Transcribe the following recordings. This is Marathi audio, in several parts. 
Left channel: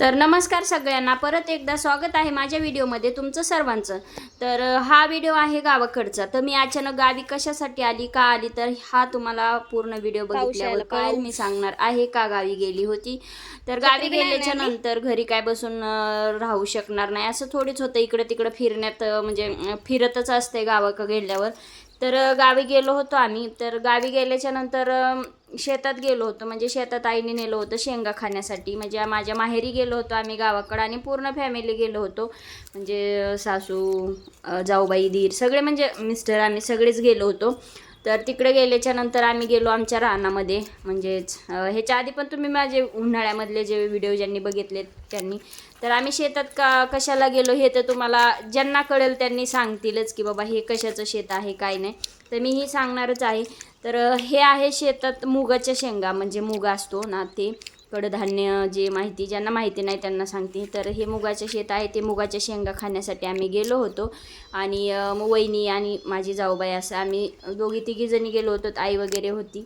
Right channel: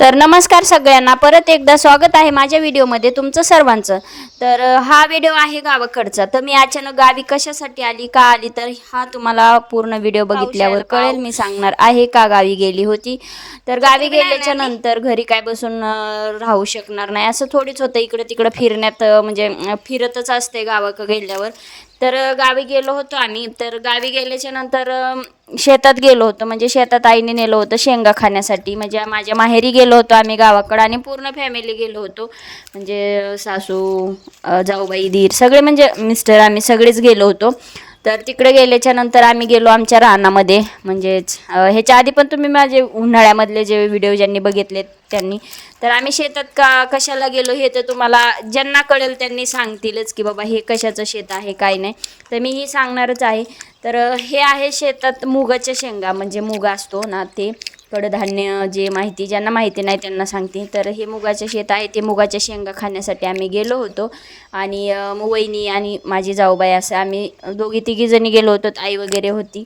तर नमस्कार सगळ्यांना, परत एकदा स्वागत आहे माझ्या व्हिडिओमध्ये तुमचं सर्वांचं। तर हा व्हिडिओ आहे गावाकडचा। तर मी अचानक गावी कशासाठी आली, का आली, तर हा तुम्हाला पूर्ण व्हिडिओ बघितल्यावर कळेल। मी सांगणार आहे का गावी गेली होती। तर गावी गेल्याच्या नंतर घरी काय बसून राहू शकणार नाही, असं थोडीच होतं। इकडे तिकडे फिरण्यात म्हणजे फिरतच असते गावाकडे गेल्यावर। तर गावी गेलो होतो आम्ही। तर गावी गेल्याच्या नंतर शेतात गेलो होतो, म्हणजे शेतात आईने नेलं होतं शेंगा खाण्यासाठी। म्हणजे माझ्या माहेरी गेलो होतो आम्ही गावाकडे, आणि पूर्ण फॅमिली गेलो होतो, म्हणजे सासू, जाऊबाई, दीर सगळे, म्हणजे मिस्टर, आम्ही सगळेच गेलो होतो। तर तिकडे गेल्याच्या नंतर आम्ही गेलो आमच्या रानामध्ये। म्हणजेच ह्याच्या आधी पण तुम्ही माझे उन्हाळ्यामधले जे व्हिडिओ ज्यांनी बघितले त्यांनी, तर आम्ही शेतात कशाला गेलो हे तर तुम्हाला ज्यांना कळेल त्यांनी सांगतीलच की बाबा हे कशाचं शेत आहे काय नाही, तर मी ही सांगणारच आहे। तर हे आहे शेतात मुगाच्या शेंगा, म्हणजे मूग असतो ना ते कडधान्य, जे माहिती ज्यांना माहिती नाही त्यांना सांगते। तर हे मुगाचे शेत आहे, ते मुगाच्या शेंगा खाण्यासाठी आम्ही गेलो होतो। आणि वहिनी आणि माझी जाऊबाई असं आम्ही दोघी तिघी जणी गेलो होतो, आई वगैरे होती।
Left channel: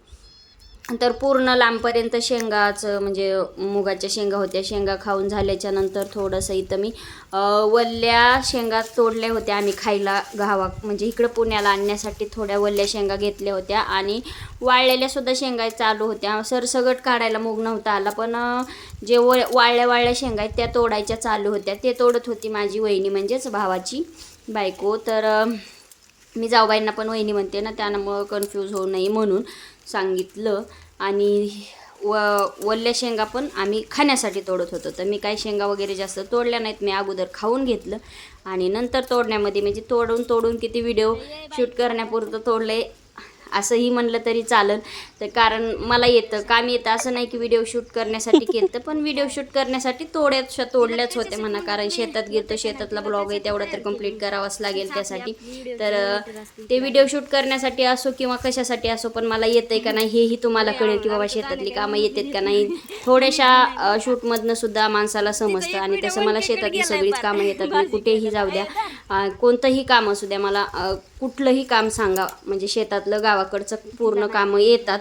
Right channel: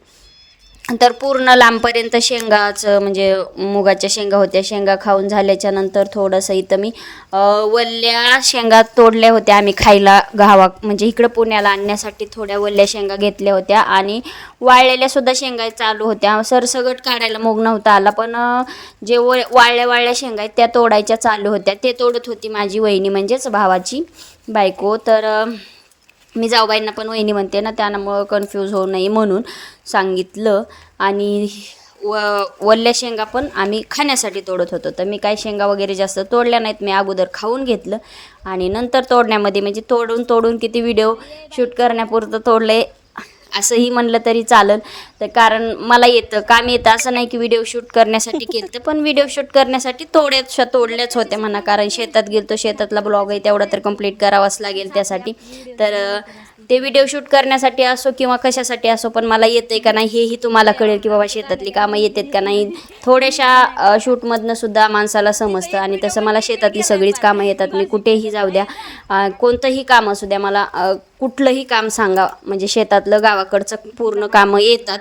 तर पूर्ण लांबपर्यंत शेंगाचं, म्हणजे मुगाच्या शेंगा होत्या। शेंगा खाऊन झाल्याच्या नंतर थोडंसं इथं मी वल्ल्या शेंगा तोडल्या होत्या आम्ही खायला म्हणजे इकडं पुण्याला आणण्यासाठी थोड्या वल्ल्या शेंगा घेतल्या होत्या। आणि वाळलेल्या सुद्धा शेंगा चालू होत्या, सरसगट काढायला मूग नव्हता आला, पण जे वाळल्या शेंगा आहेत त्या तोडायच्या चालू होत्या। ते तोडत होती माझी वहिनी, म्हणजेच भावाची बायको। तर मी जाऊबाईंना पण वहिनी म्हणते ना, त्यामुळं कन्फ्यूज होऊ नये म्हणून सांगितलं। आणि वल्ल्या शेंगा पण आम्ही खाण्यासाठी तोडत होतो। तर मी काय शेंगा वगैरे जास्त तोडल्या नाहीत, मी अगोदर खाऊन घेतलं आणि नंतर तोडण्यामध्ये, म्हणजे तोडून किती व्हिडिओ शूट करण्यापुरतं तोडले असंही म्हणलं तरी चालेल। तर कारण मला येतं, काम येतं, असं नाही की व्हिडिओ शूट करण्यासाठी केलं तर, पण व्हिडिओ शूट करण्यासाठी तोडल्याच होते म्हणा। कारण शेतात गेलो, शेतातला ब्लॉग आहे तेवढा तर कंप्लीट करावाच लागेल त्यासाठी। तर ते व्हिडिओ शूट करण्यासाठी असो किंवा कशासाठी असो, पण मला येतंय का नाही हेही तुम्हाला कळेल की बाबा शेतातली कामं येतात का नाही। थोड्याशा शूटमधनं सुद्धा माणसाला समजतं, आणि तसं मला शेतातली सगळीच कामं येतात। मी कुठेही जाऊ द्या, कोणतंही काम असू द्या, मला कुठलंही काम सांगा, म्हणजे शेतातलं गावाकडचं पूर्ण कामं येतात।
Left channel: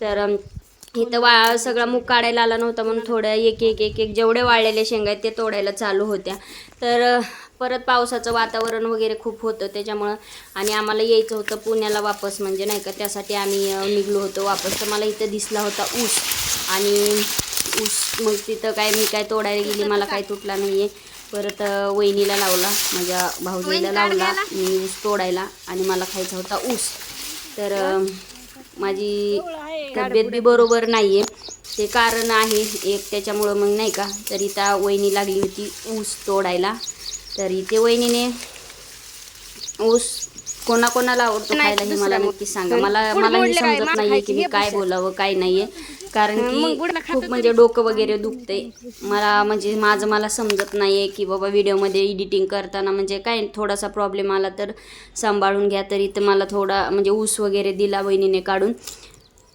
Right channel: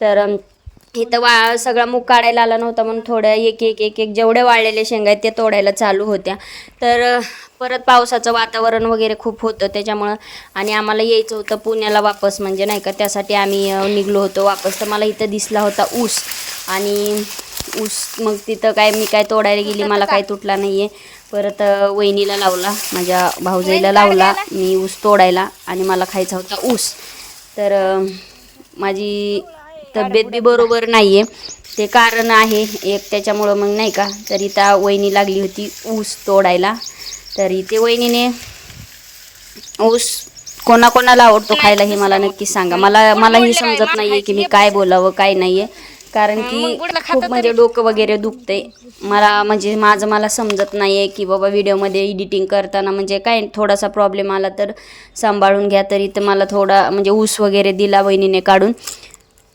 तर इथं सगळा मूग काढायला आला नव्हता म्हणून थोड्या एक जेवढ्या वाळलेल्या शेंगा आहेत त्या तोडायला चालू होत्या। तर परत पावसाचं वातावरण वगैरे खूप होतं त्याच्यामुळं, आणि आम्हाला यायचं होतं पुण्याला वापस, म्हणजे नाही का, त्यासाठी आम्ही निघलो होतो वापस। तर मला इथं दिसला होता ऊस, आणि ऊस मग तिथं मी काय तोडायला गेली, मला काय तुटला नाही आहे। परत वहिनीला लावला, माझ्या भाऊजाईला लावला मी ऊस तोडायला, आणि मला खायचा होता ऊस। तर माझी तब्येत बी बरोबर नाही आहे, ते कारण आहे एक, त्याच्यामुळं मग नाही का। तरी त्या वहिनी लागली होती ऊस तोडायला। तरी ते वहिनीने ऊस कोणाकोणाला आवडतो खायला हे मला नक्की सांगा। मलाही समजत नाही आहे की मी काय बोलावं काय नाही आहे, कारण की खूप म्हणजे डोकं वगैरे दुखते मला, म्हणजे मला समजत नाही आहे की बाबा व्हिडिओमध्ये एडिटिंग करताना म्हणजे काय थोडासा प्रॉब्लेम आला तर सांभाळून घ्या। तरी तर मला थोडा म्हणजे ऊस वगैरे दिला वहिनीने काढून।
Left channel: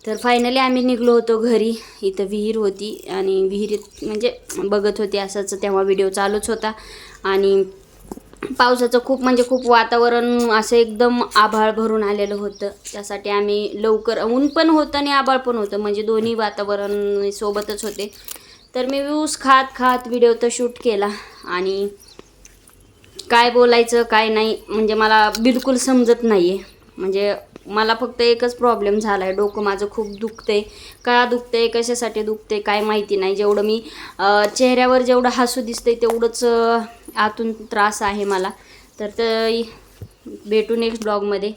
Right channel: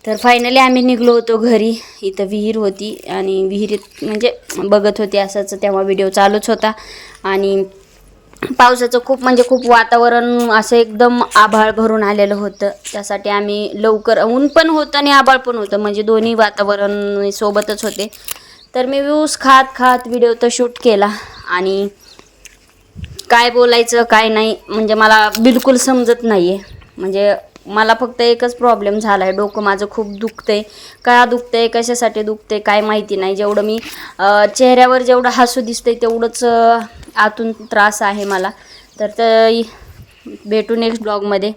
तर फायनली आम्ही निघलो होतो घरी। इथं विहीर होती, आणि विहिरीत म्हणजे बघत होते असंच, तेव्हा व्हिडिओ चालूच होता। आणि पावसाचं खूप वातावरण असं एकदम आभाळ भरून आलेलं होतं, त्यासाठी आम्ही लवकर, ऊन पण होतं आणि आभाळ पण होतं, म्हणजे दोन्ही वातावरण सोबतच होते। तर मी ऊस खात व्हिडिओ तर शूट केला, आणि काय बोलायचं काय नाही म्हणजे मला बिलकुल समजत नाही आहे। म्हणजे मला फक्त एकच प्रॉब्लेम झाला आहे, डोकं माझं खूप दुखतंय। का दुखतंय, कशासाठी दुखतंय काय माहिती नाही। जेवढं मी चेहऱ्यावर जेवढं हसू दिसतंय तेवढंच आतून त्रास आहे मला। तर भेटू नेक्स्ट ब्लॉगमध्ये।